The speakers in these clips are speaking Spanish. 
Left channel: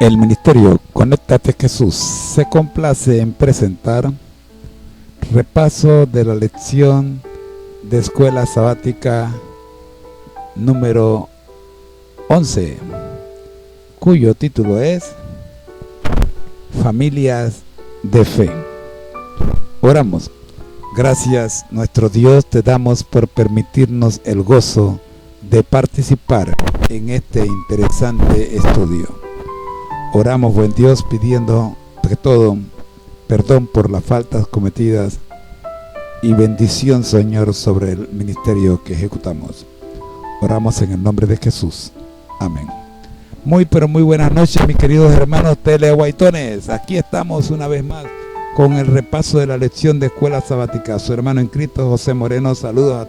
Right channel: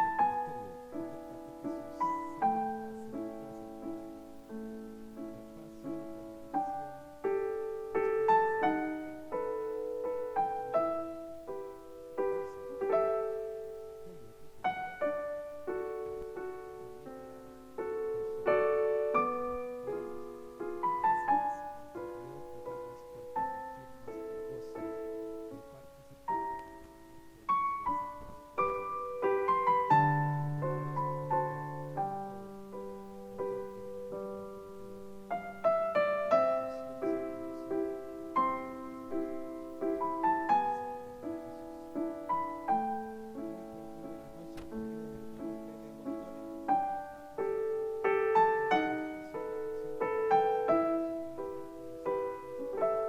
El Ministerio Conéctate Jesús se complace en presentar repaso de la lección de Escuela Sabática número 11, cuyo título es Familias de Fe. Oramos. Gracias, nuestro Dios, te damos por permitirnos el gozo de participar en este interesante estudio. Oramos, buen Dios, pidiendo de todo perdón por las faltas cometidas y bendición, Señor, sobre el ministerio que ejecutamos. Oramos en el nombre de Jesús. Amén. Muy buenas noches, mis queridos hermanos teleguaitones. Aquí estamos una vez más con el repaso de la lección de Escuela Sabática. Su hermano en Cristo, José Moreno. Saludos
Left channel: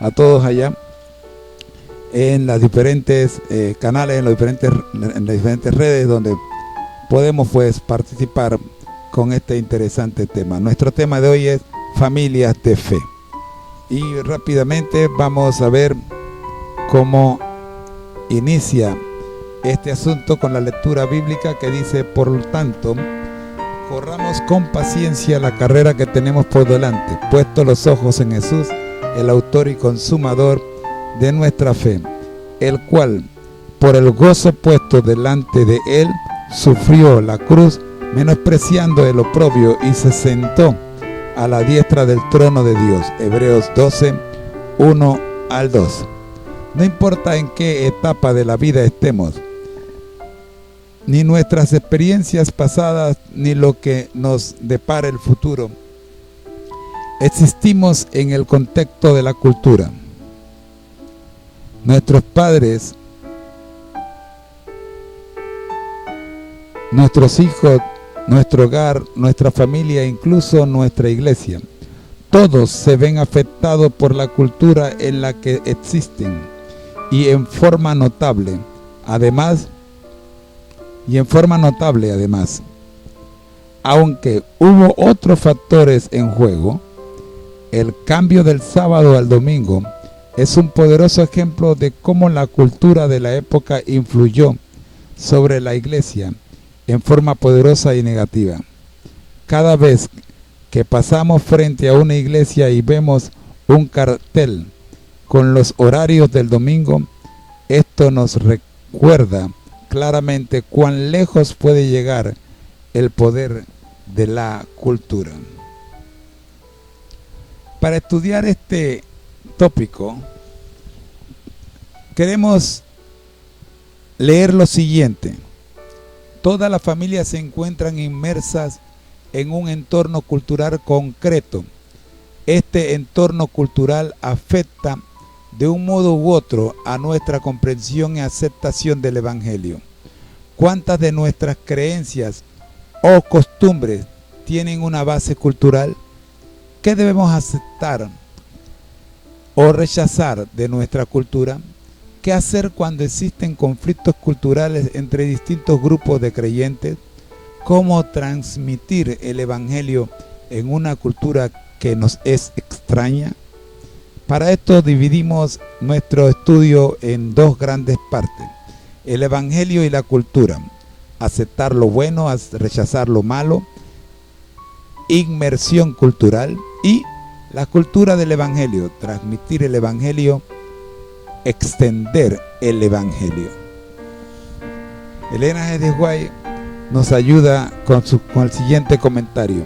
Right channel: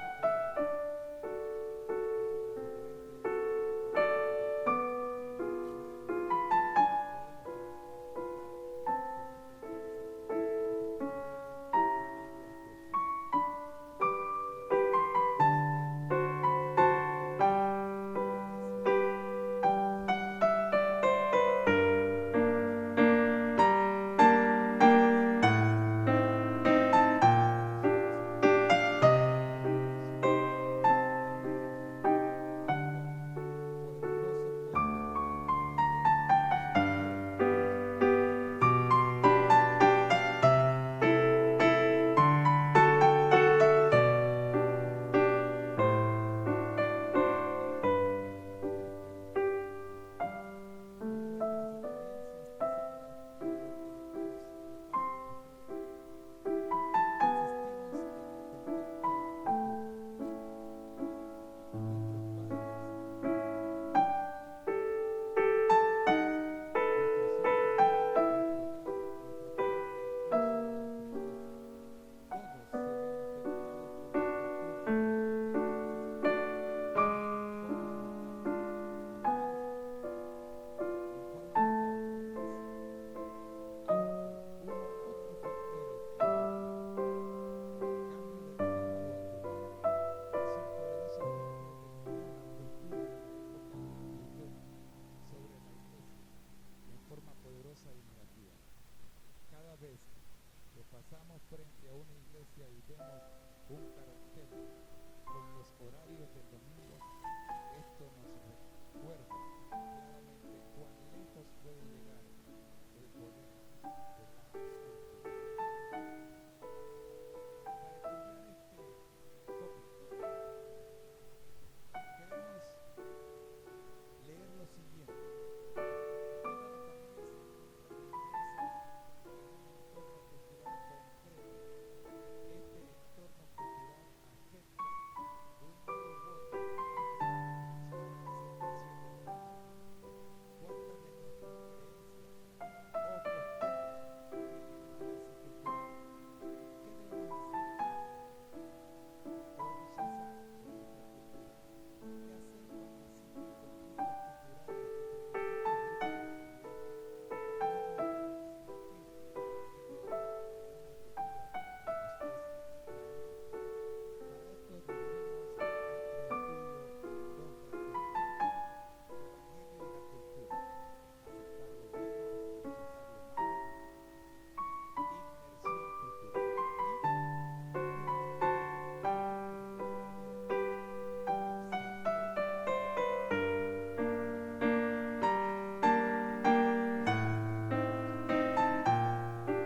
a todos allá en las diferentes canales, en las diferentes redes donde podemos pues participar con este interesante tema. Nuestro tema de hoy es familias de fe. Y rápidamente vamos a ver cómo inicia este asunto con la lectura bíblica que dice: por lo tanto, corramos con paciencia la carrera que tenemos por delante, puestos los ojos en Jesús, el autor y consumador de nuestra fe, el cual, por el gozo puesto delante de él, sufrió la cruz, menospreciando el oprobio, y se sentó a la diestra del trono de Dios. Hebreos 12, 1 al 2. No importa en qué etapa de la vida estemos, ni nuestras experiencias pasadas, ni lo que nos depara el futuro, existimos en el contexto de la cultura. Nuestros padres, nuestros hijos, nuestro hogar, nuestra familia, incluso nuestra iglesia, todos se ven afectados por la cultura en la que existen y en forma notable. Además, aunque hubo otros factores en juego, el cambio del sábado al domingo es un poderoso ejemplo de cómo la cultura de la época influyó sobre la iglesia en forma poderosa y negativa. Cada vez que pasamos frente a una iglesia y vemos un cartel con los horarios del domingo, esto nos recuerda claramente cuán lejos puede llegar el poder de la cultura. Para estudiar este tópico, queremos leer lo siguiente. Todas las familias se encuentran inmersas en un entorno cultural concreto. Este entorno cultural afecta de un modo u otro a nuestra comprensión y aceptación del Evangelio. ¿Cuántas de nuestras creencias o costumbres tienen una base cultural? ¿Qué debemos aceptar o rechazar de nuestra cultura? ¿Qué hacer cuando existen conflictos culturales entre distintos grupos de creyentes? ¿Cómo transmitir el Evangelio en una cultura que nos es extraña? Para esto dividimos nuestro estudio en dos grandes partes: el Evangelio y la cultura, aceptar lo bueno, rechazar lo malo, inmersión cultural, y la cultura del Evangelio, transmitir el Evangelio, extender el Evangelio. Elena G. de Guay nos ayuda con el siguiente comentario:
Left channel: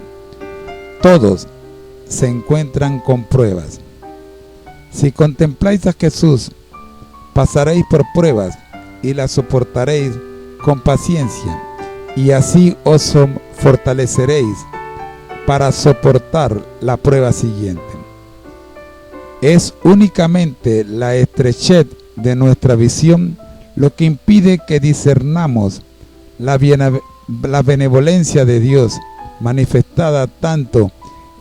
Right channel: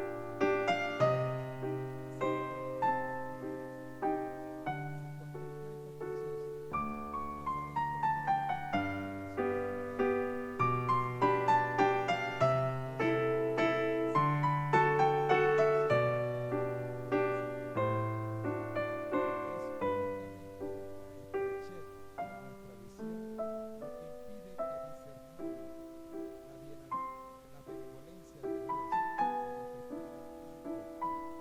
todos se encuentran con pruebas. Si contempláis a Jesús, pasaréis por pruebas y las soportaréis con paciencia, y así os fortaleceréis para soportar la prueba siguiente. Es únicamente la estrechez de nuestra visión lo que impide que discernamos la benevolencia de Dios, manifestada tanto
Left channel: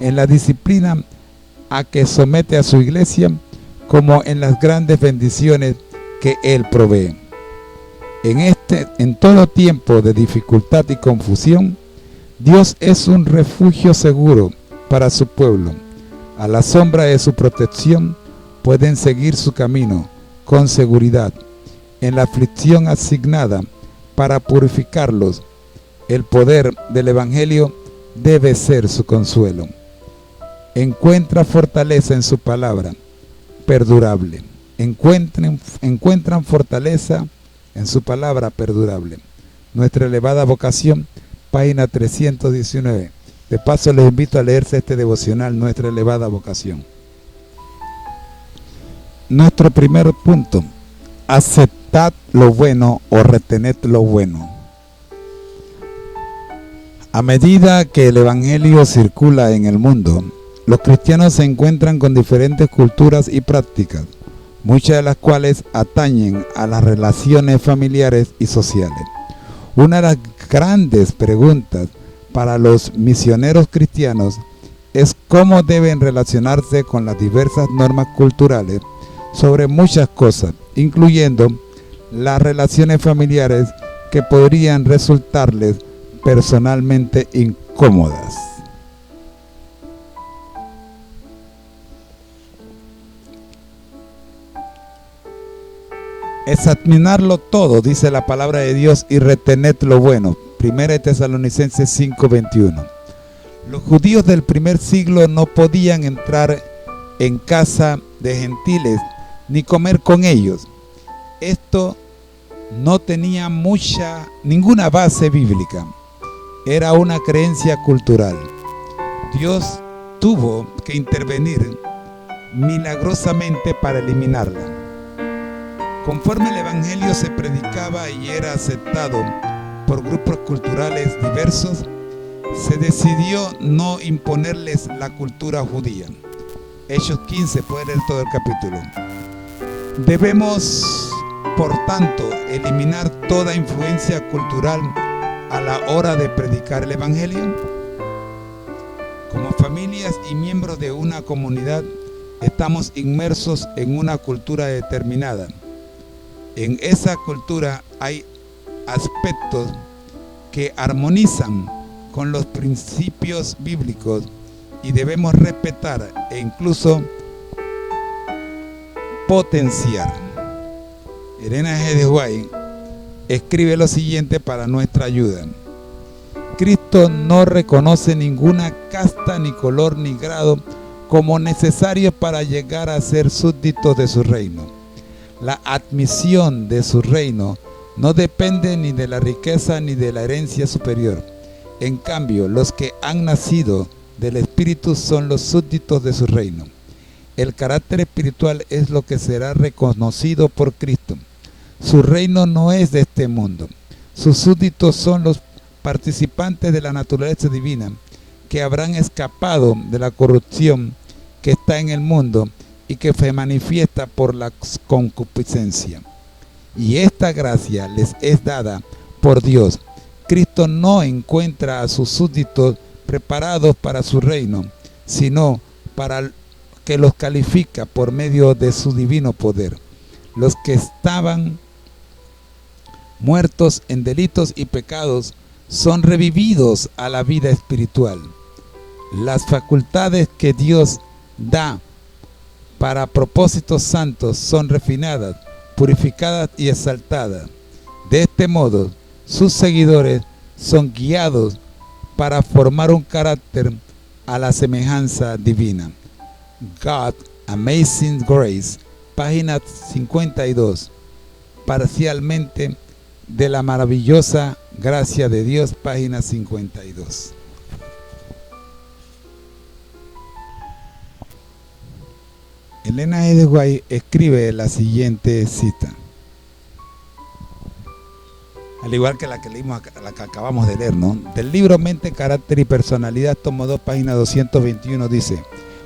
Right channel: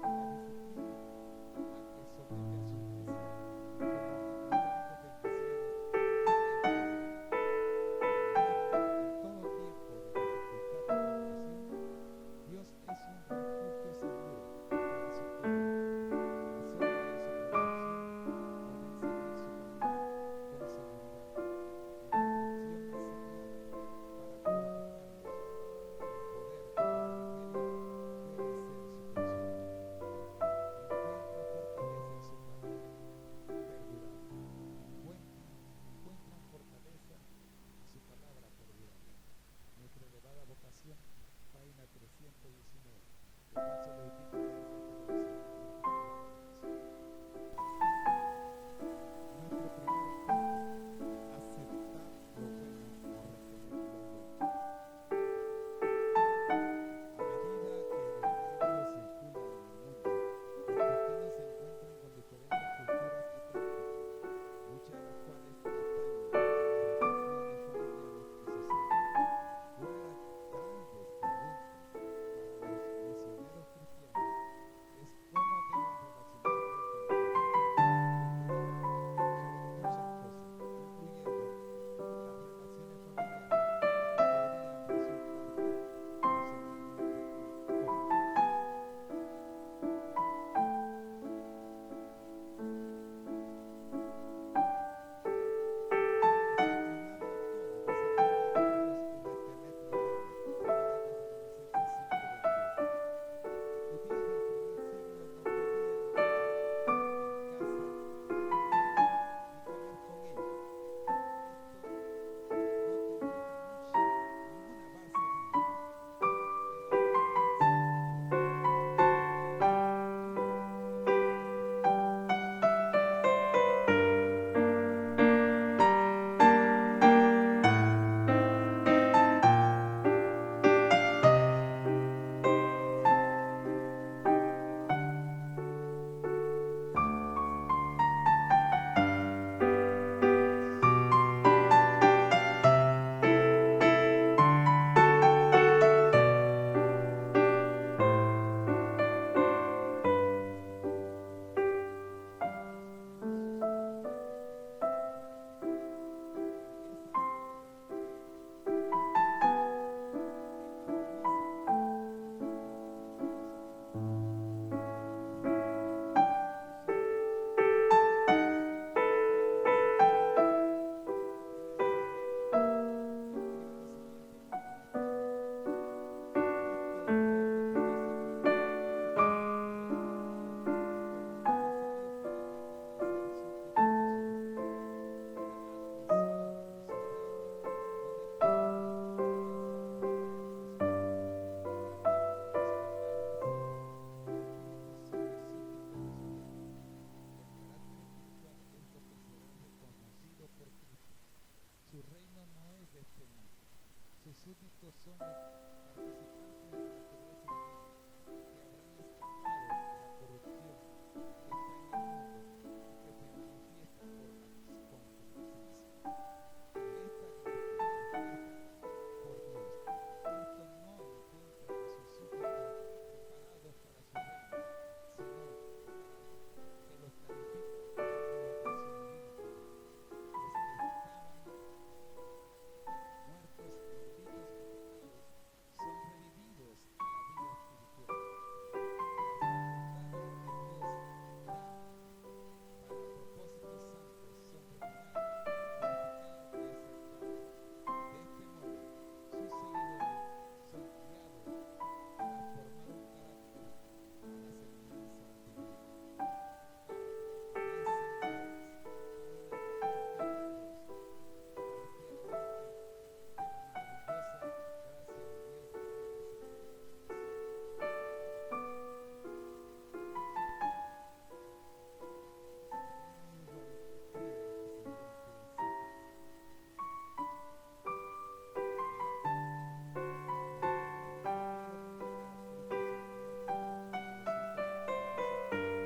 en la disciplina a que somete a su iglesia, como en las grandes bendiciones que Él provee. En todo tiempo de dificultad y confusión, Dios es un refugio seguro para su pueblo. A la sombra de su protección pueden seguir su camino con seguridad. En la aflicción asignada, para purificarlos. El poder del Evangelio debe ser su consuelo. Encuentra fortaleza en su palabra, perdurable. Encuentran fortaleza en su palabra perdurable. Nuestra elevada vocación, página 319. De paso les invito a leerse este devocional, Nuestra elevada vocación. Nuestro primer punto: aceptad lo bueno o retened lo bueno. A medida que el Evangelio circula en el mundo, los cristianos se encuentran con diferentes culturas y prácticas, muchas de las cuales atañen a las relaciones familiares y sociales. Una de las grandes preguntas para los misioneros cristianos es cómo deben relacionarse con las diversas normas culturales sobre muchas cosas, incluyendo las relaciones familiares que podrían resultarles personalmente incómodas. Examinarlo todo, dice la palabra de Dios, y retened lo bueno. 1 Tesalonicenses 5:21. Los judíos del primer siglo no podían entrar en casa de gentiles ni comer con ellos. Esto no tenía ninguna base bíblica. Era una creencia cultural. Dios tuvo que intervenir milagrosamente para eliminarla. Conforme el Evangelio se predicaba y era aceptado por grupos culturales diversos, se decidió no imponerles la cultura judía. Hechos 15, puede leer todo el capítulo. Debemos, por tanto, eliminar toda influencia cultural a la hora de predicar el Evangelio. Como familias y miembros de una comunidad, estamos inmersos en una cultura determinada. En esa cultura hay aspectos que armonizan con los principios bíblicos y debemos respetar e incluso potenciar. Elena G. de White escribe lo siguiente para nuestra ayuda: Cristo no reconoce ninguna casta, ni color, ni grado como necesarios para llegar a ser súbditos de su reino. La admisión de su reino no depende ni de la riqueza ni de la herencia superior. En cambio, los que han nacido del Espíritu son los súbditos de su reino. El carácter espiritual es lo que será reconocido por Cristo. Su reino no es de este mundo. Sus súbditos son los participantes de la naturaleza divina, que habrán escapado de la corrupción que está en el mundo y que se manifiesta por la concupiscencia. Y esta gracia les es dada por Dios. Cristo no encuentra a sus súbditos preparados para su reino, sino para que los califica por medio de su divino poder. Los que estaban muertos en delitos y pecados son revividos a la vida espiritual. Las facultades que Dios da para propósitos santos son refinadas, purificadas y exaltadas. De este modo, sus seguidores son guiados para formar un carácter a la semejanza divina. God, Amazing Grace, página 52. Parcialmente de la maravillosa gracia de Dios, página 52. Elena G. de White escribe la siguiente cita, al igual que la que leímos, la que acabamos de leer, ¿no? Del libro Mente, Carácter y Personalidad, tomo 2, página 221, dice:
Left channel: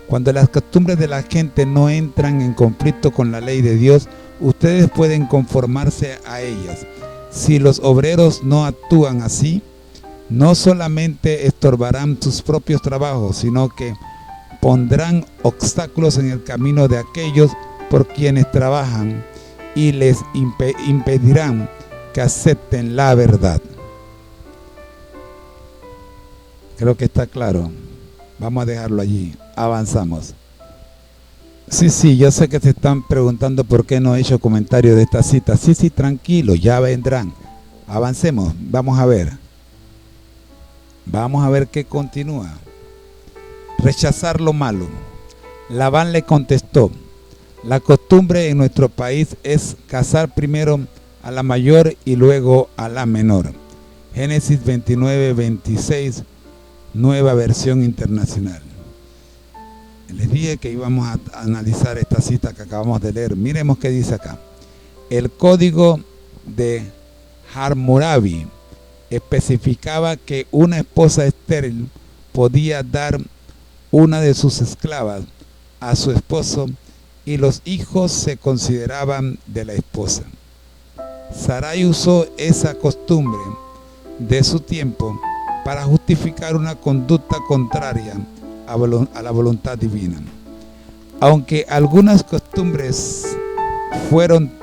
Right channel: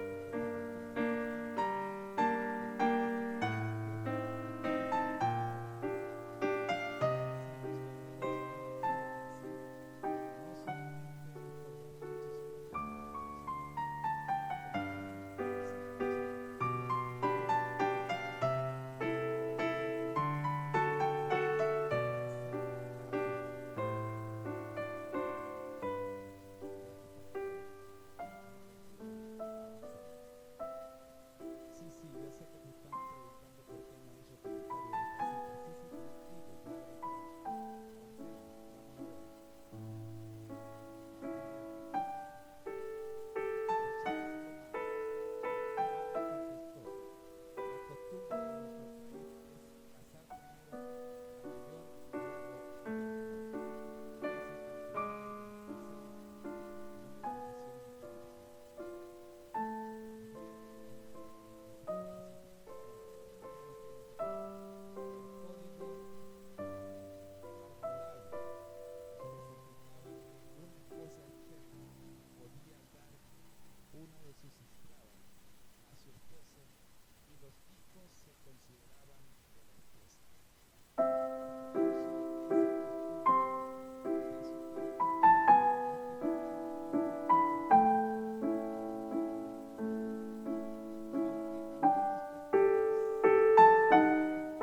cuando las costumbres de la gente no entran en conflicto con la ley de Dios, ustedes pueden conformarse a ellas. Si los obreros no actúan así, no solamente estorbarán sus propios trabajos, sino que pondrán obstáculos en el camino de aquellos por quienes trabajan y les impedirán que acepten la verdad. Creo que está claro. Vamos a dejarlo allí. Avanzamos. Sí, yo sé que se están preguntando por qué no he hecho comentario de esta cita. Sí, tranquilo, ya vendrán. Avancemos, vamos a ver qué continúa. Rechazar lo malo. Labán le contestó: la costumbre en nuestro país es casar primero a la mayor y luego a la menor. Génesis 29:26, nueva versión internacional. Les dije que íbamos a analizar esta cita que acabamos de leer. Miremos qué dice acá. El código de Hammurabi especificaba que una esposa estéril podía dar una de sus esclavas a su esposo y los hijos se consideraban de la esposa. Sarai usó esa costumbre de su tiempo para justificar una conducta contraria a la voluntad divina. Aunque algunas costumbres fueron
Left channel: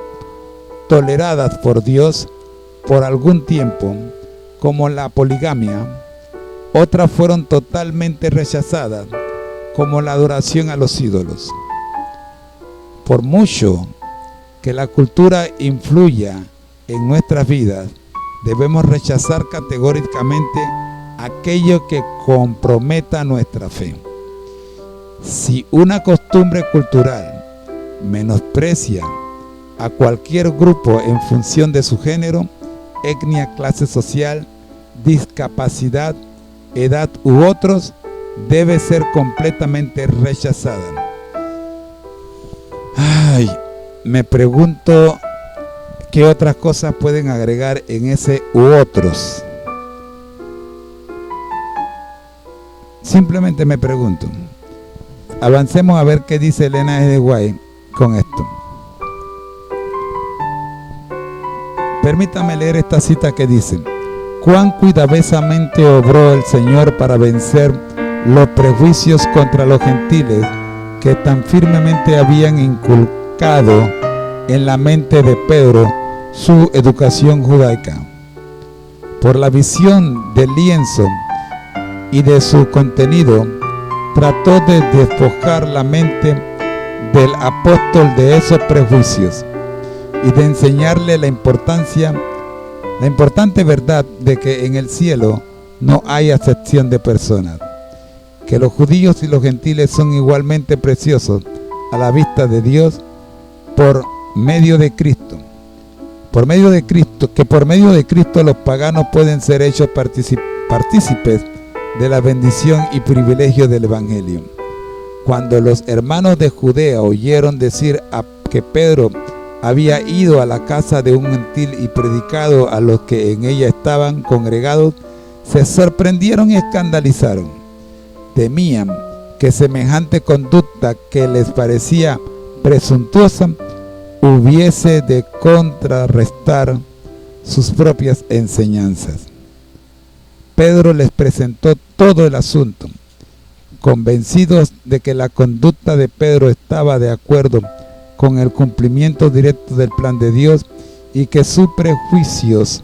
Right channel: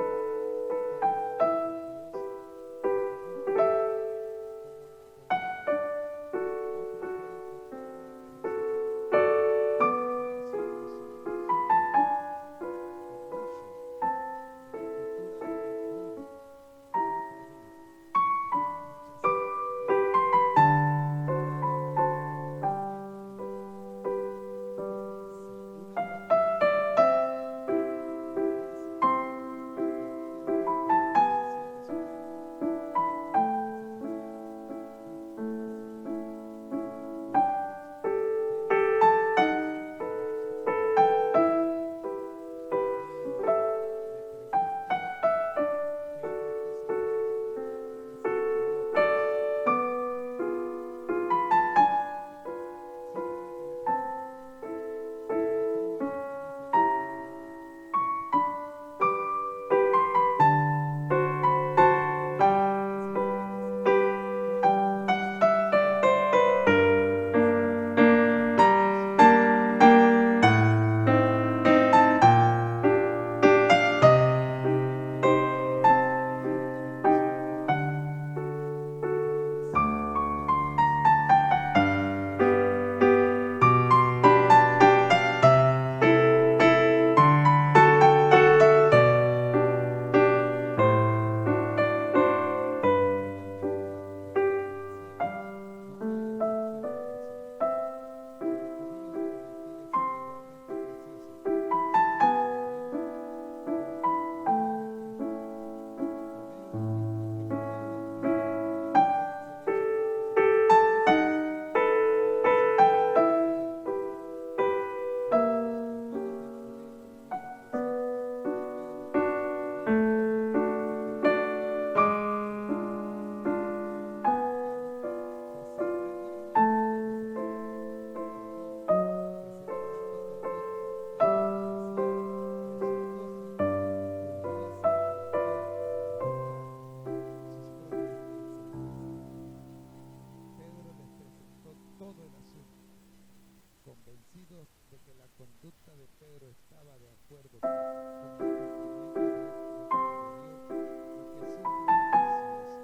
toleradas por Dios por algún tiempo, como la poligamia, otras fueron totalmente rechazadas, como la adoración a los ídolos. Por mucho que la cultura influya en nuestras vidas, debemos rechazar categóricamente aquello que comprometa nuestra fe. Si una costumbre cultural menosprecia a cualquier grupo en función de su género, etnia, clase social, discapacidad, edad u otros, debe ser completamente rechazada. Me pregunto qué otras cosas pueden agregar en ese u otros. Simplemente me pregunto. Avancemos a ver qué dice Elena G. White con esto. Permítame leer esta cita que dice: cuán cuidadosamente obró el Señor para vencer los prejuicios contra los gentiles que tan firmemente habían inculcado en la mente de Pedro su educación judaica. Por la visión del lienzo y de su contenido, trató de despojar la mente del apóstol de esos prejuicios y de enseñarle la importante verdad de que en el cielo no hay acepción de personas, que los judíos y los gentiles son igualmente preciosos a la vista de Dios por medio de Cristo, que por medio de Cristo los paganos pueden ser hechos partícipes de la bendición y privilegio del Evangelio. Cuando los hermanos de Judea oyeron decir que Pedro había ido a la casa de un gentil y predicado a los que en ella estaban congregados, se sorprendieron y escandalizaron. Temían que semejante conducta, que les parecía presuntuosa, hubiese de contrarrestar sus propias enseñanzas. Pedro les presentó todo el asunto, convencidos de que la conducta de Pedro estaba de acuerdo con el cumplimiento directo del plan de Dios y que sus prejuicios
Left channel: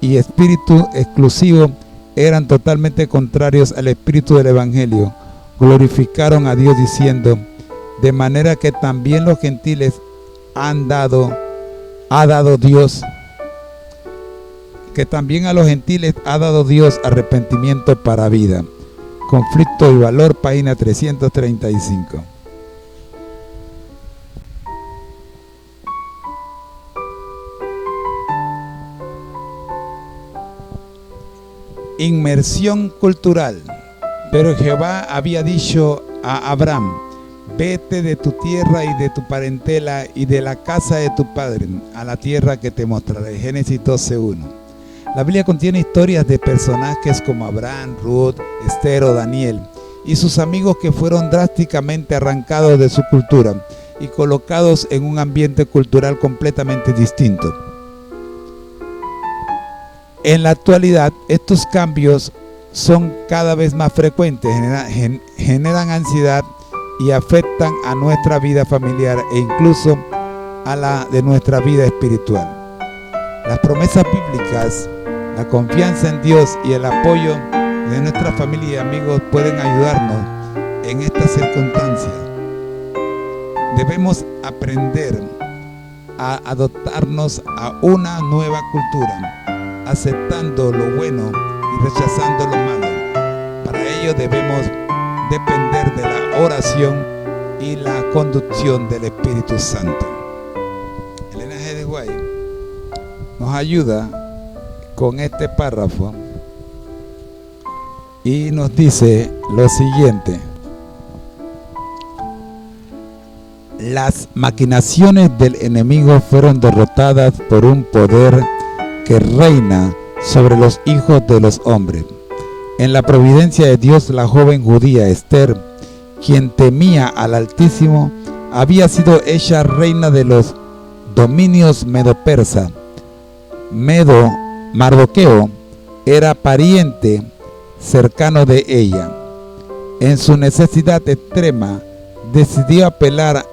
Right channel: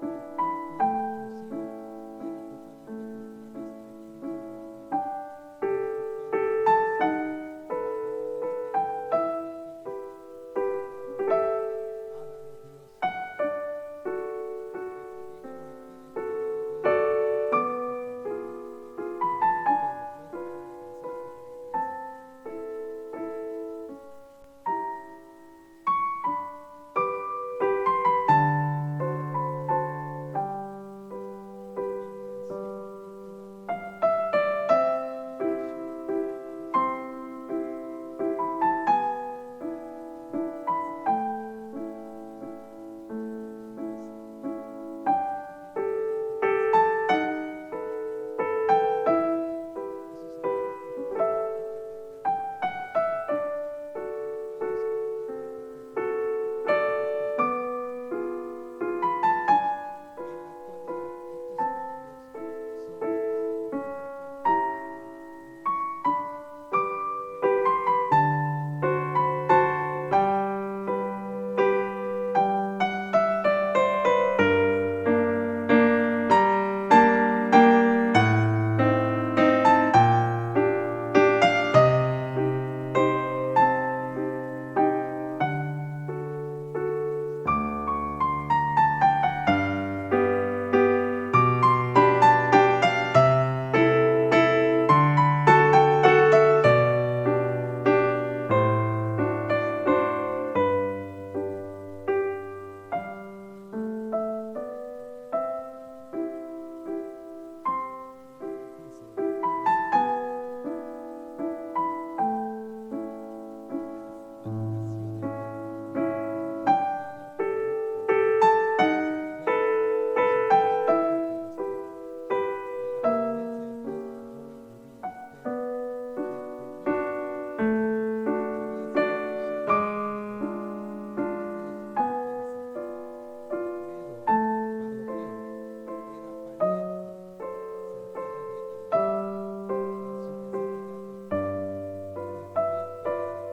y espíritu exclusivo eran totalmente contrarios al espíritu del Evangelio. Glorificaron a Dios diciendo: de manera que también los gentiles ha dado Dios arrepentimiento para vida. Conflicto y valor, página 335. Inmersión cultural. Pero Jehová había dicho a Abraham: vete de tu tierra y de tu parentela y de la casa de tu padre a la tierra que te mostraré. Génesis 12:1. La Biblia contiene historias de personajes como Abraham, Ruth, Esther o Daniel y sus amigos que fueron drásticamente arrancados de su cultura y colocados en un ambiente cultural completamente distinto. En la actualidad, estos cambios son cada vez más frecuentes, generan ansiedad y afectan a nuestra vida familiar e incluso a la de nuestra vida espiritual. Las promesas bíblicas, la confianza en Dios y el apoyo de nuestra familia y amigos pueden ayudarnos en estas circunstancias. Debemos aprender a adaptarnos a una nueva cultura aceptando lo bueno y rechazando lo malo. Para ello debemos depender de la oración y la conducción del Espíritu Santo. Elena G. de White nos ayuda con este párrafo y nos dice lo siguiente: las maquinaciones del enemigo fueron derrotadas por un poder que reina sobre los hijos de los hombres. En la providencia de Dios, la joven judía Esther, quien temía al Altísimo, había sido hecha reina de los dominios medo-persa. Mardoqueo era pariente cercano de ella. En su necesidad extrema, decidió apelar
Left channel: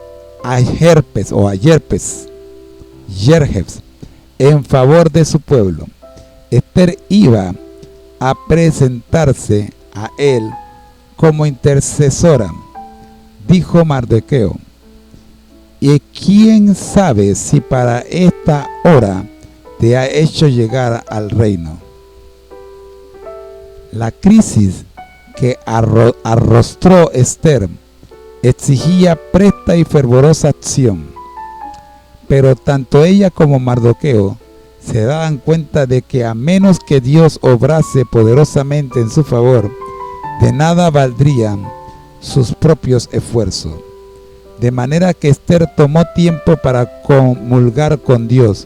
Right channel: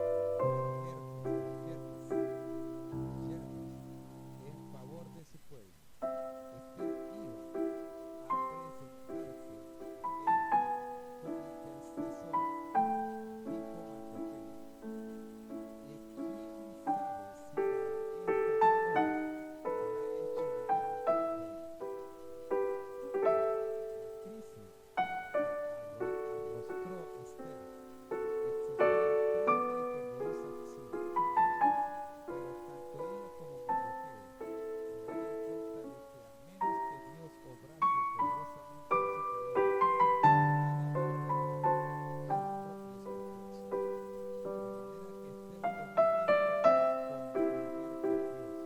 a Yerjes en favor de su pueblo. Esther iba a presentarse a él como intercesora. Dijo Mardoqueo: ¿y quién sabe si para esta hora te ha hecho llegar al reino? La crisis que arrostró Esther exigía presta y fervorosa acción, pero tanto ella como Mardoqueo se daban cuenta de que a menos que Dios obrase poderosamente en su favor, de nada valdrían sus propios esfuerzos. De manera que Esther tomó tiempo para comulgar con Dios,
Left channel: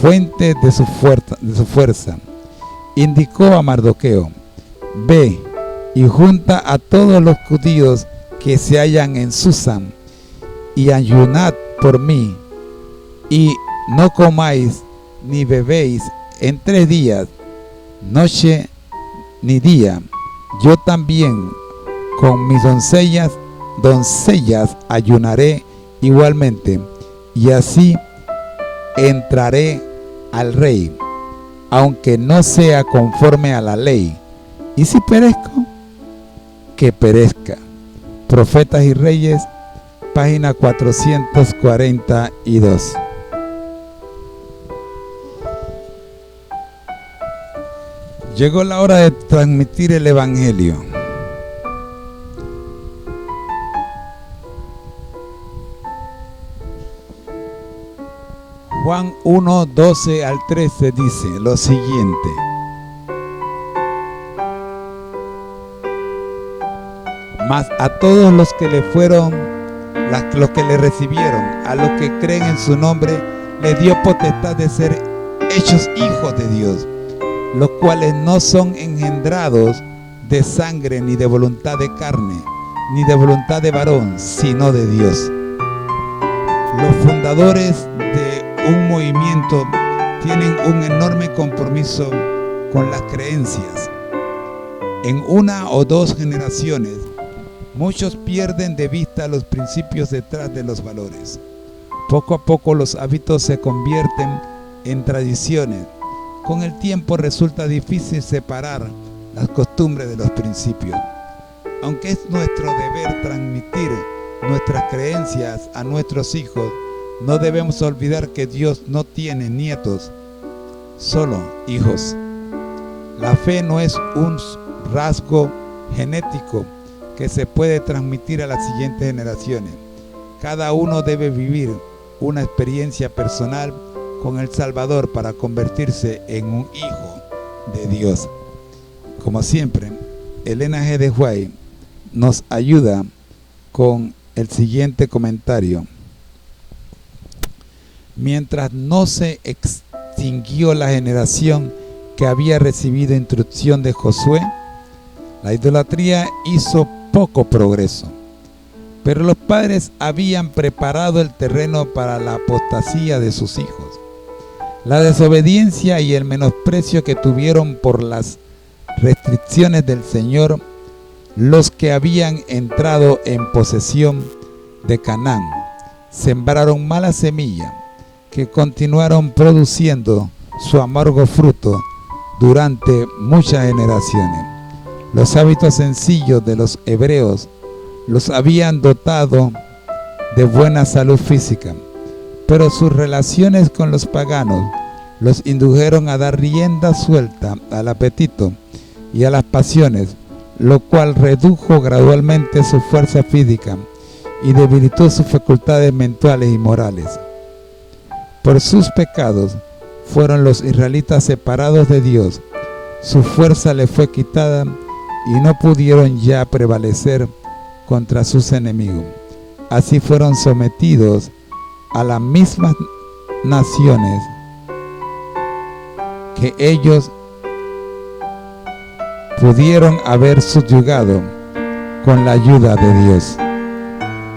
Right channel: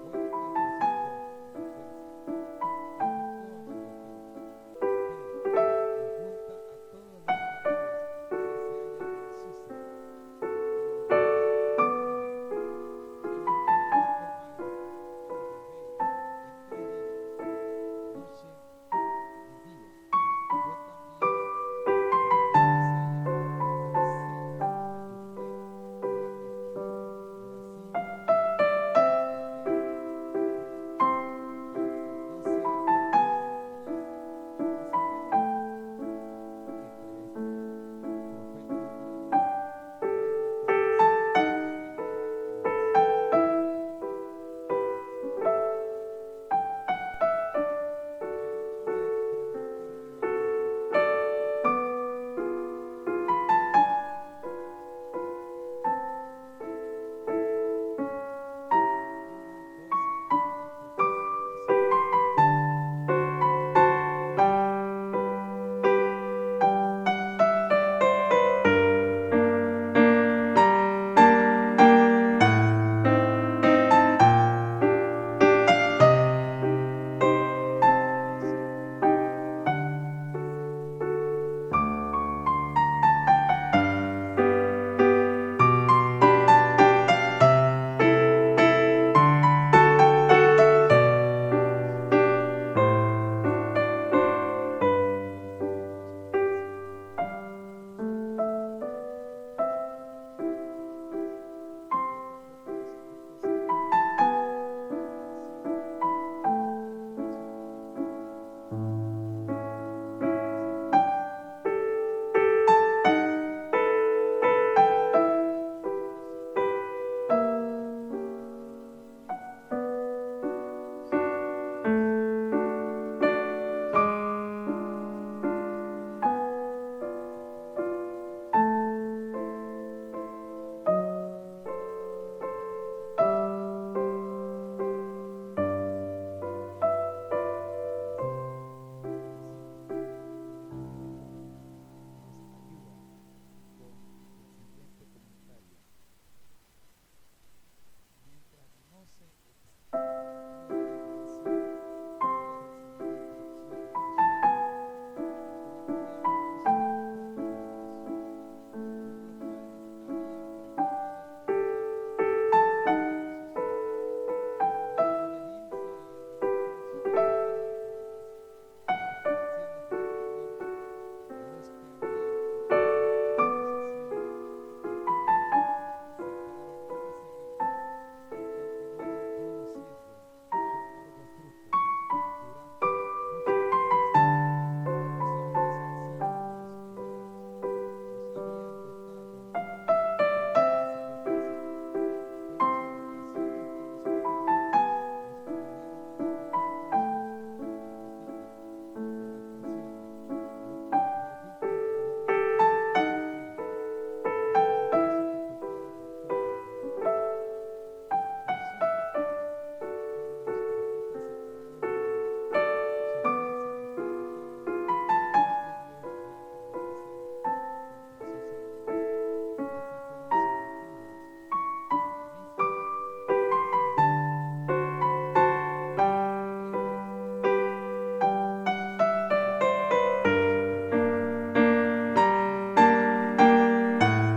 fuente de su fuerza. Indicó a Mardoqueo: ve y junta a todos los judíos que se hallan en Susán, y ayunad por mí, y no comáis ni bebéis en 3 días, noche ni día. Yo también con mis doncellas ayunaré igualmente, y así entraré al rey, aunque no sea conforme a la ley. Y si perezco, que perezca. Profetas y Reyes, página 442. Llegó la hora de transmitir el Evangelio. Juan 1, 12 al 13 dice lo siguiente: mas a todos los que le recibieron, a los que creen en su nombre, le dio potestad de ser hechos hijos de Dios, los cuales no son engendrados de sangre, ni de voluntad de carne, ni de voluntad de varón, sino de Dios. Los fundadores de un movimiento tienen un enorme compromiso con las creencias. En 1 o 2 generaciones, muchos pierden de vista los principios detrás de los valores. Poco a poco los hábitos se convierten en tradiciones. Con el tiempo resulta difícil separar las costumbres de los principios. Aunque es nuestro deber transmitir nuestras creencias a nuestros hijos, no debemos olvidar que Dios no tiene nietos, solo hijos. La fe no es un rasgo genético que se puede transmitir a las siguientes generaciones. Cada uno debe vivir una experiencia personal con el Salvador para convertirse en un hijo de Dios. Como siempre, Elena G. de White nos ayuda con el siguiente comentario. Mientras no se extinguió la generación que había recibido instrucción de Josué, la idolatría hizo poco progreso, pero los padres habían preparado el terreno para la apostasía de sus hijos. La desobediencia y el menosprecio que tuvieron por las restricciones del Señor, los que habían entrado en posesión de Canaán, sembraron mala semilla que continuaron produciendo su amargo fruto durante muchas generaciones. Los hábitos sencillos de los hebreos los habían dotado de buena salud física, pero sus relaciones con los paganos los indujeron a dar rienda suelta al apetito y a las pasiones, lo cual redujo gradualmente su fuerza física y debilitó sus facultades mentales y morales. Por sus pecados fueron los israelitas separados de Dios, su fuerza les fue quitada y no pudieron ya prevalecer contra sus enemigos. Así fueron sometidos a las mismas naciones que ellos pudieron haber subyugado con la ayuda de Dios.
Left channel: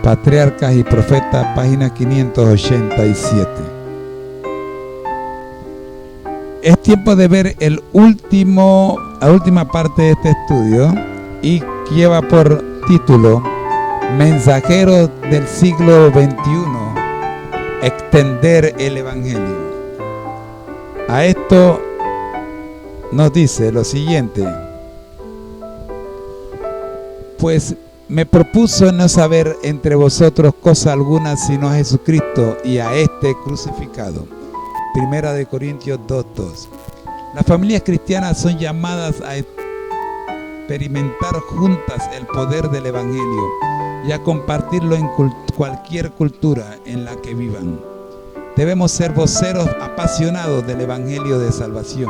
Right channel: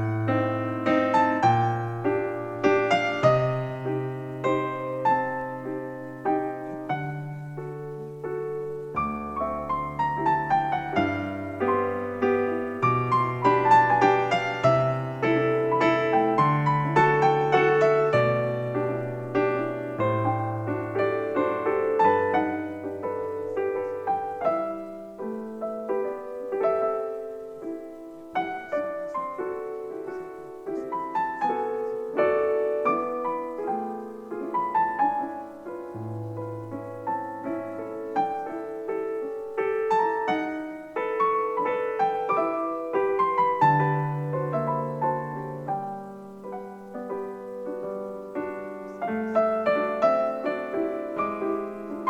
Patriarcas y Profetas, página 587. Es tiempo de ver la última parte de este estudio, y lleva por título Mensajeros del siglo XXI, extender el Evangelio. A esto nos dice lo siguiente: pues me propuso no saber entre vosotros cosa alguna sino a Jesucristo y a este crucificado. Primera de Corintios 2:2. Las familias cristianas son llamadas a experimentar juntas el poder del Evangelio y a compartirlo en cualquier cultura en la que vivan. Debemos ser voceros apasionados del Evangelio de salvación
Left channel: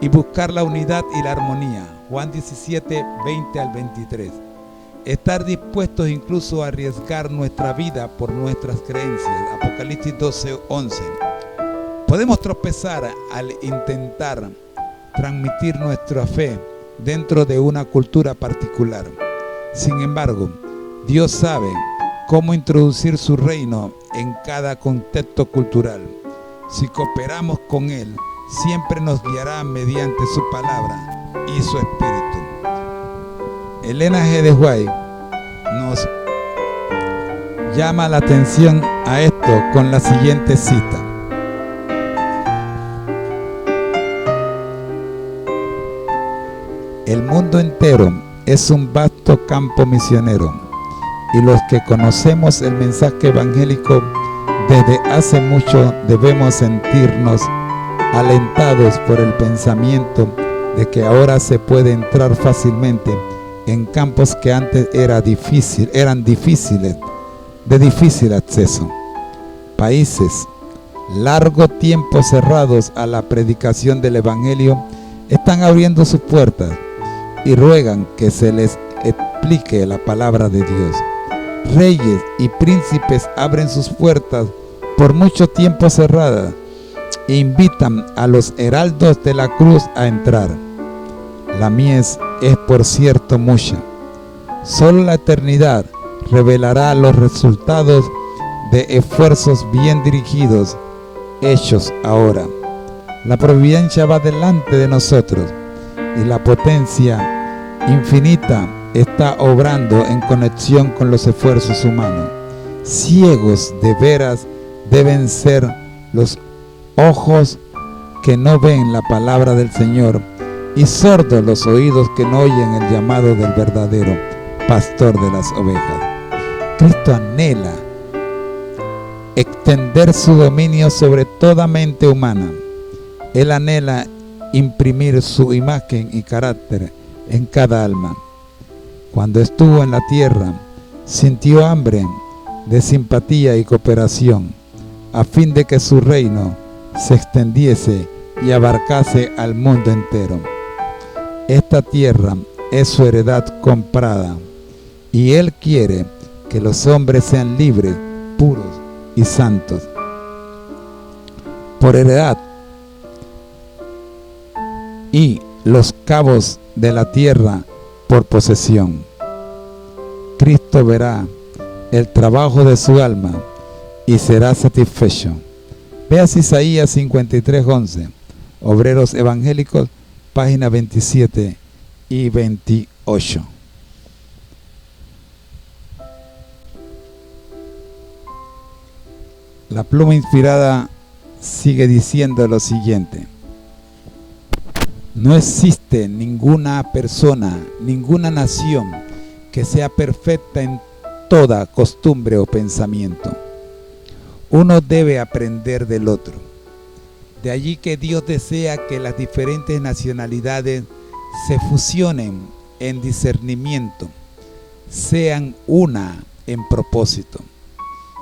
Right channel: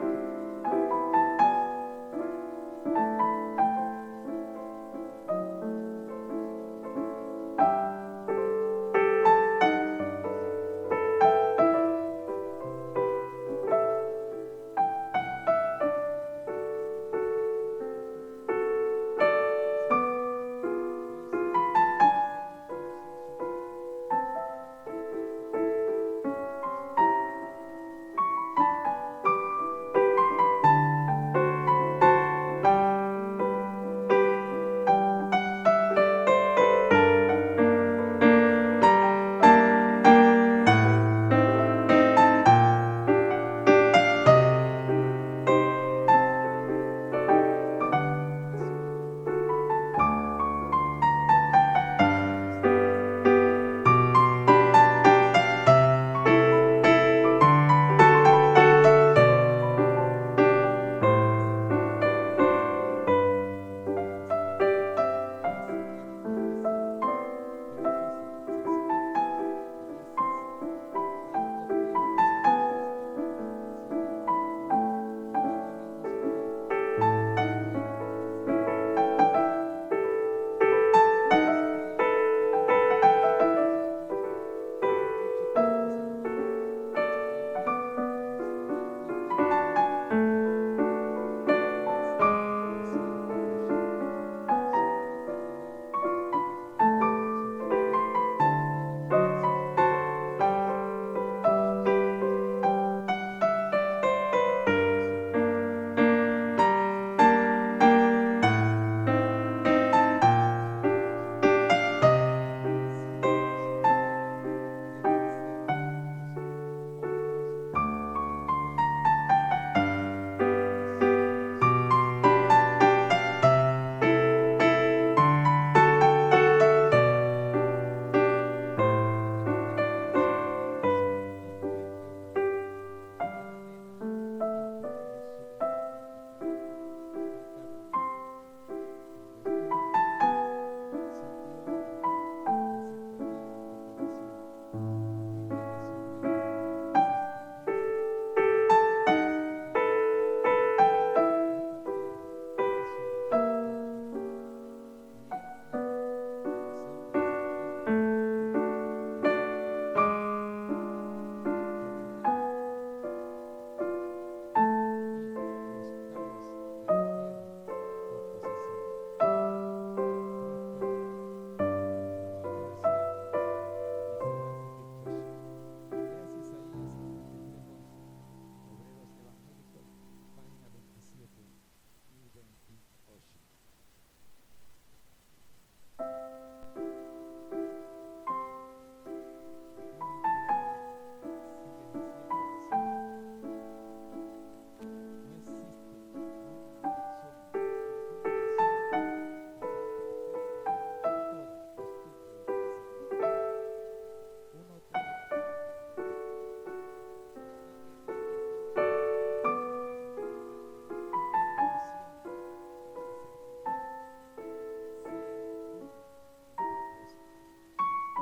y buscar la unidad y la armonía. Juan 17, 20 al 23. Estar dispuestos incluso a arriesgar nuestra vida por nuestras creencias. Apocalipsis 12, 11. Podemos tropezar al intentar transmitir nuestra fe dentro de una cultura particular. Sin embargo, Dios sabe cómo introducir su reino en cada contexto cultural. Si cooperamos con Él, siempre nos guiará mediante su palabra y su espíritu. Elena G. de White nos llama la atención a esto con la siguiente cita: el mundo entero es un vasto campo misionero, y los que conocemos el mensaje evangélico desde hace mucho debemos sentirnos alentados por el pensamiento de que ahora se puede entrar fácilmente en campos que antes eran difíciles, de difícil acceso. Países largo tiempo cerrados a la predicación del Evangelio están abriendo sus puertas y ruegan que se les explique la palabra de Dios. Reyes y príncipes abren sus puertas por mucho tiempo cerradas e invitan a los heraldos de la cruz a entrar. La mies es por cierto mucha. Solo la eternidad revelará los resultados de esfuerzos bien dirigidos, hechos ahora. La providencia va delante de nosotros y la potencia infinita está obrando en conexión con los esfuerzos humanos. Ciegos de veras deben ser los ojos que no ven la palabra del Señor, y sordos los oídos que no oyen el llamado del verdadero pastor de las ovejas. Cristo anhela extender su dominio sobre toda mente humana. Él anhela imprimir su imagen y carácter en cada alma. Cuando estuvo en la tierra, sintió hambre de simpatía y cooperación, a fin de que su reino se extendiese y abarcase al mundo entero. Esta tierra es su heredad comprada, y Él quiere que los hombres sean libres, puros y santos. Por heredad, y los cabos de la tierra por posesión. Cristo verá el trabajo de su alma y será satisfecho. Veas Isaías 53:11, Obreros Evangélicos, página 27 y 28. La pluma inspirada sigue diciendo lo siguiente: no existe ninguna persona, ninguna nación que sea perfecta en toda costumbre o pensamiento. Uno debe aprender del otro. De allí que Dios desea que las diferentes nacionalidades se fusionen en discernimiento, sean una en propósito.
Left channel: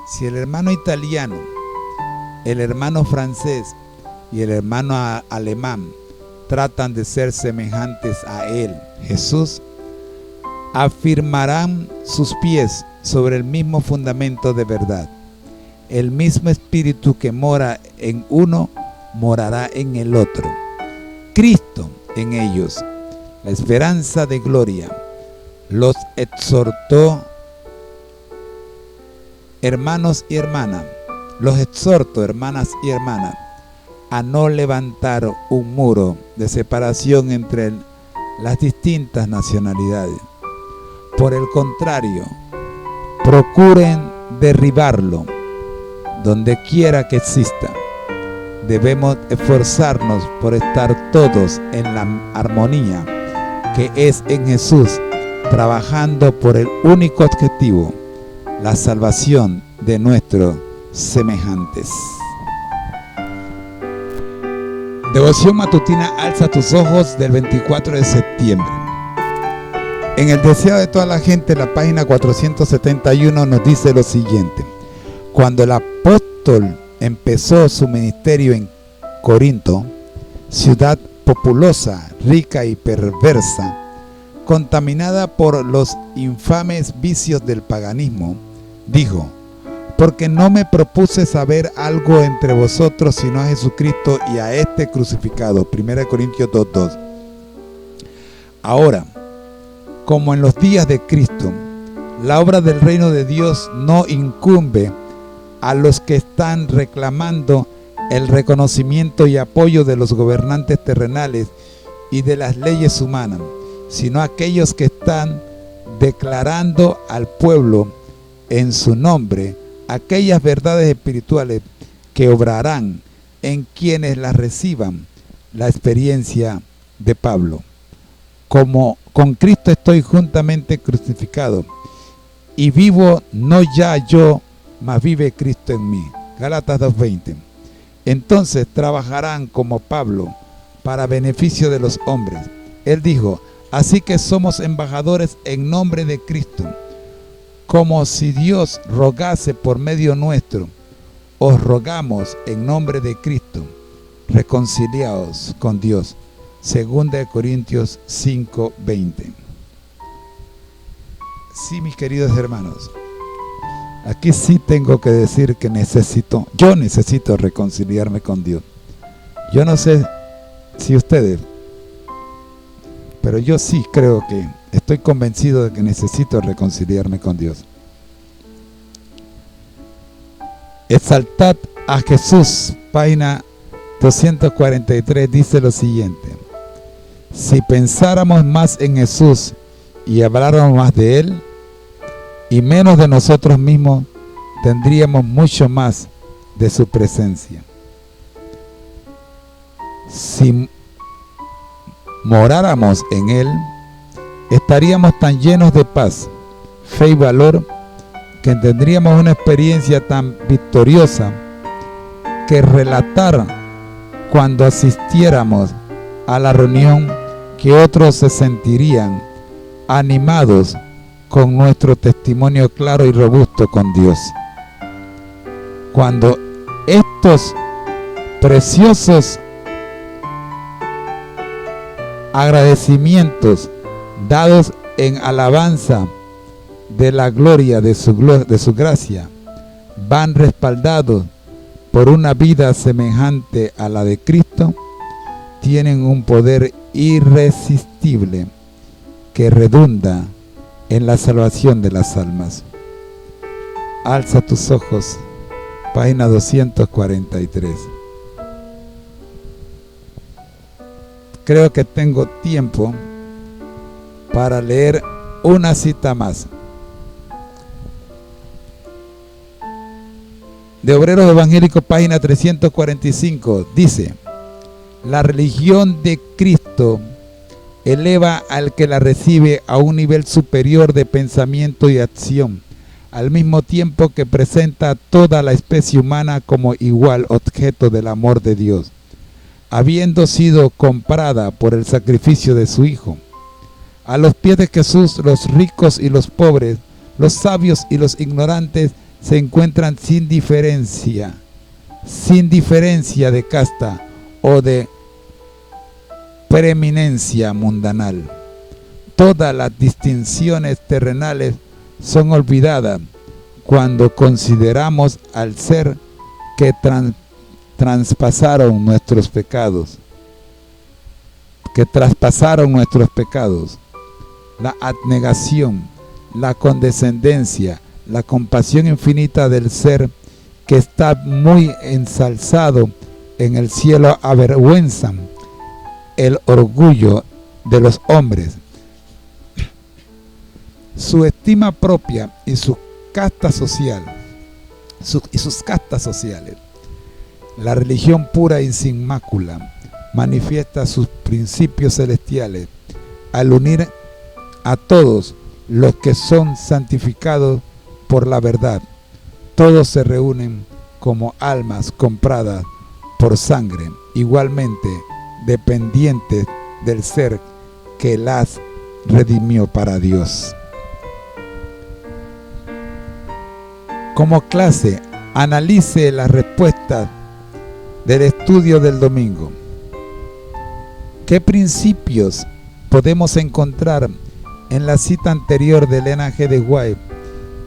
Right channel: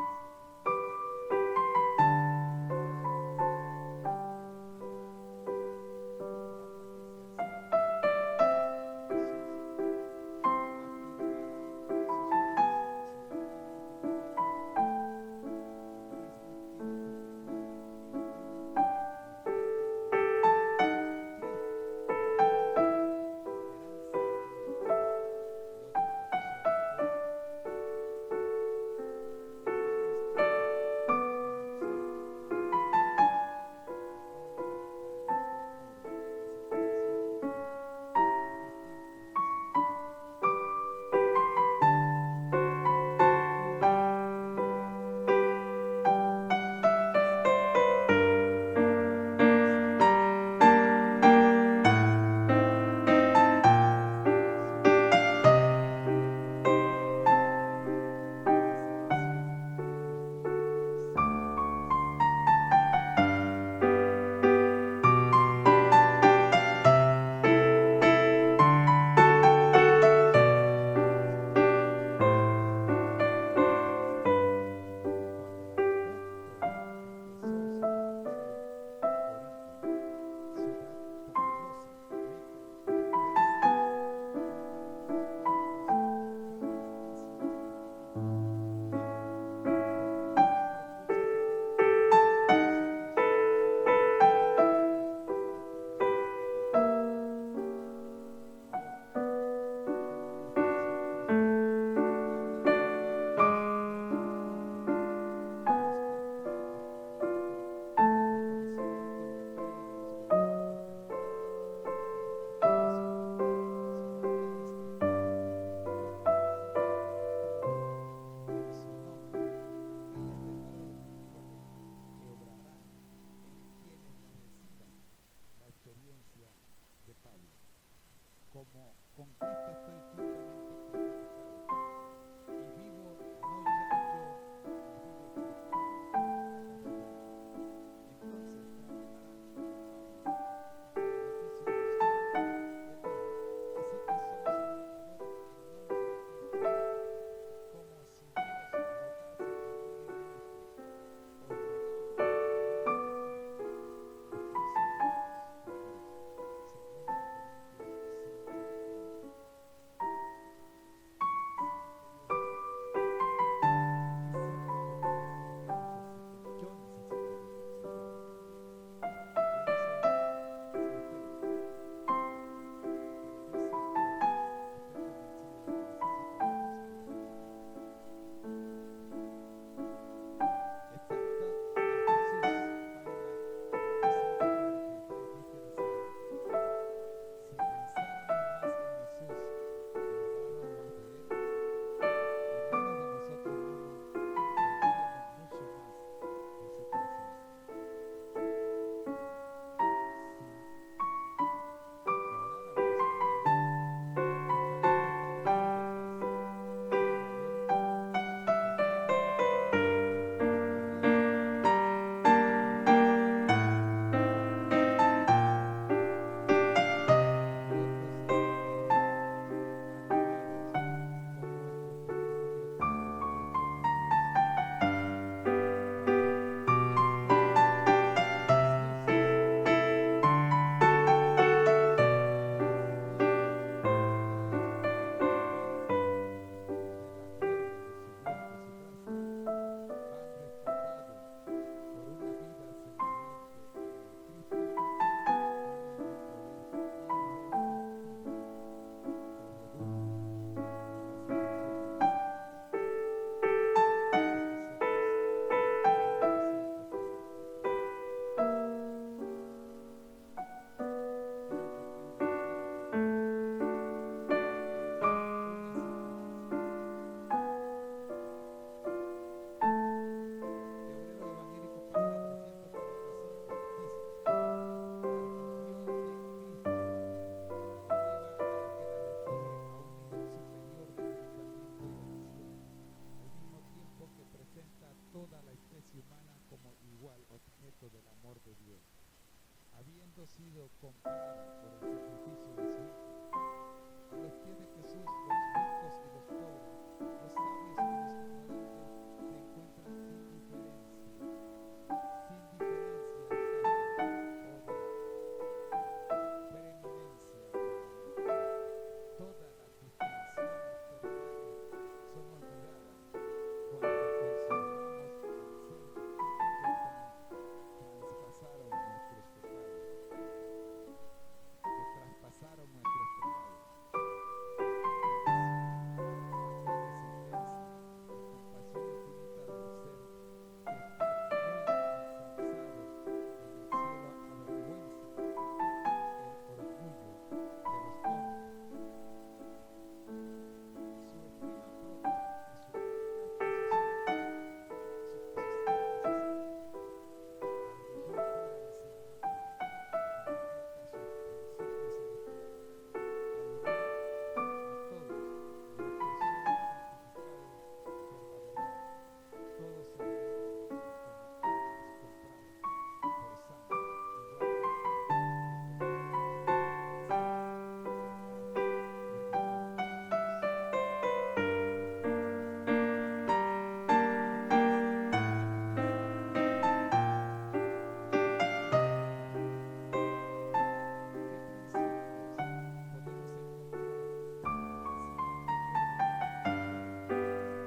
Si el hermano italiano, el hermano francés y el hermano alemán tratan de ser semejantes a él, Jesús, afirmarán sus pies sobre el mismo fundamento de verdad. El mismo espíritu que mora en uno, morará en el otro. Cristo en ellos, la esperanza de gloria, los exhortó, hermanos y hermanas, los exhorto, hermanas y hermanas, a no levantar un muro de separación entre las distintas nacionalidades. Por el contrario, procuren derribarlo donde quiera que exista. Debemos esforzarnos por estar todos en la armonía que es en Jesús, trabajando por el único objetivo, la salvación de nuestros semejantes. Devoción matutina Alza tus ojos del 24 de septiembre. En el deseo de toda la gente, la página 471 nos dice lo siguiente: cuando el apóstol empezó su ministerio en Corinto, ciudad populosa, rica y perversa, contaminada por los infames vicios del paganismo, dijo: porque no me propuse saber algo entre vosotros sino a Jesucristo y a este crucificado. 1 Corintios 2:2. Ahora, como en los días de Cristo, la obra del reino de Dios no incumbe a los que están reclamando el reconocimiento y apoyo de los gobernantes terrenales y de las leyes humanas, sino a aquellos que están declarando al pueblo en su nombre aquellas verdades espirituales que obrarán en quienes las reciban. La experiencia de Pablo: como con Cristo estoy juntamente crucificado, y vivo no ya yo, mas vive Cristo en mí. Gálatas 2:20. Entonces trabajarán como Pablo para beneficio de los hombres. Él dijo: así que somos embajadores en nombre de Cristo, como si Dios rogase por medio nuestro. Os rogamos en nombre de Cristo, reconciliaos con Dios. 2 Corintios 5:20. Sí, mis queridos hermanos, aquí sí tengo que decir que yo necesito reconciliarme con Dios. Yo no sé si ustedes, pero yo sí creo que estoy convencido de que necesito reconciliarme con Dios. Exaltad a Jesús, página 243, dice lo siguiente: si pensáramos más en Jesús y habláramos más de Él y menos de nosotros mismos, tendríamos mucho más de su presencia. Si moráramos en Él, estaríamos tan llenos de paz, fe y valor, que tendríamos una experiencia tan victoriosa que relatar cuando asistiéramos a la reunión, que otros se sentirían animados con nuestro testimonio claro y robusto con Dios. Cuando estos preciosos agradecimientos dados en alabanza de la gloria de su gracia van respaldados por una vida semejante a la de Cristo, tienen un poder irresistible que redunda en la salvación de las almas. Alza tus ojos, página 243. Creo que tengo tiempo para leer una cita más. De Obreros Evangélicos, página 345, dice: la religión de Cristo eleva al que la recibe a un nivel superior de pensamiento y acción, al mismo tiempo que presenta a toda la especie humana como igual objeto del amor de Dios. habiendo sido comprada por el sacrificio de su Hijo. A los pies de Jesús, los ricos y los pobres, los sabios y los ignorantes se encuentran sin diferencia de casta o de preeminencia mundanal. Todas las distinciones terrenales son olvidadas cuando consideramos al ser que traspasaron nuestros pecados, la abnegación, la condescendencia, la compasión infinita del ser que está muy ensalzado en el cielo avergüenzan el orgullo de los hombres. Su estima propia y sus castas sociales. La religión pura y sin mácula manifiesta sus principios celestiales al unir a todos los que son santificados por la verdad. Todos se reúnen como almas compradas por sangre, igualmente dependientes del ser que las redimió para Dios. Como clase, analice las respuestas del estudio del domingo. ¿Qué principios podemos encontrar en la cita anterior de Elena G. de White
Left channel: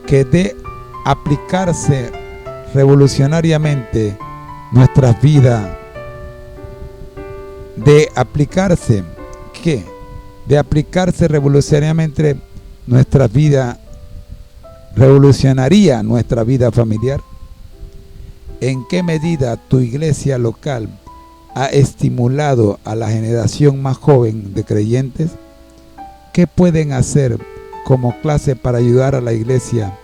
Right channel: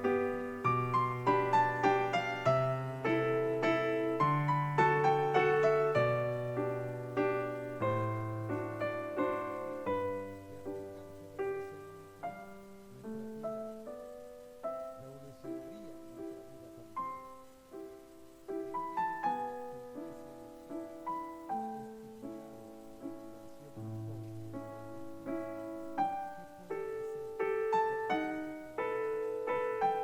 que de aplicarse revolucionariamente nuestras vidas? De aplicarse revolucionariamente nuestras vidas, revolucionaría nuestra vida familiar. ¿En qué medida tu iglesia local ha estimulado a la generación más joven de creyentes? ¿Qué pueden hacer como clase para ayudar a la iglesia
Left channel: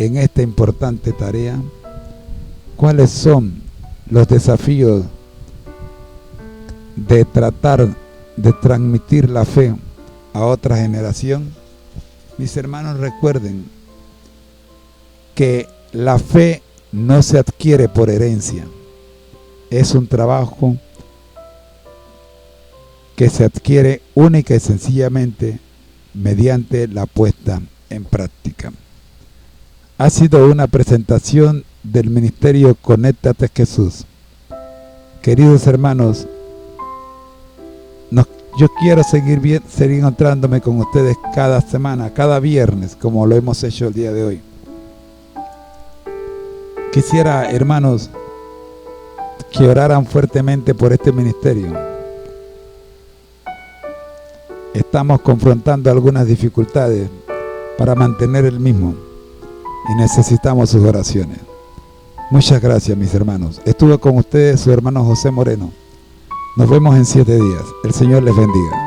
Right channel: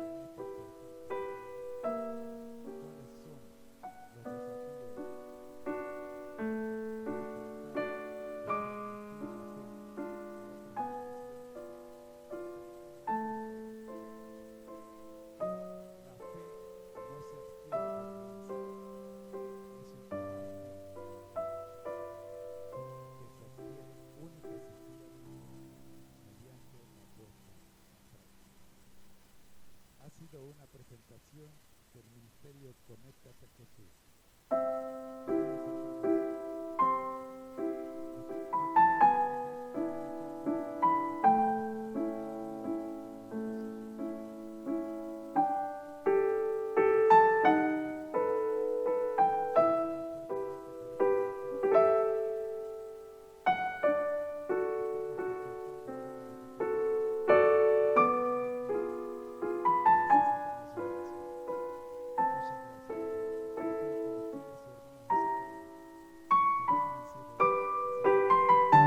en esta importante tarea? ¿Cuáles son los desafíos de tratar de transmitir la fe a otra generación? Mis hermanos, recuerden que la fe no se adquiere por herencia. Es un trabajo que se adquiere única y sencillamente mediante la puesta en práctica. Ha sido una presentación del Ministerio Conéctate Jesús. Queridos hermanos, yo quiero seguir encontrándome con ustedes cada semana, cada viernes, como lo hemos hecho el día de hoy. Quisiera, hermanos, que oraran fuertemente por este ministerio. Estamos confrontando algunas dificultades para mantener el mismo y necesitamos sus oraciones. Muchas gracias, mis hermanos. Estuve con ustedes su hermano José Moreno. Nos vemos en 7 días. El Señor les bendiga.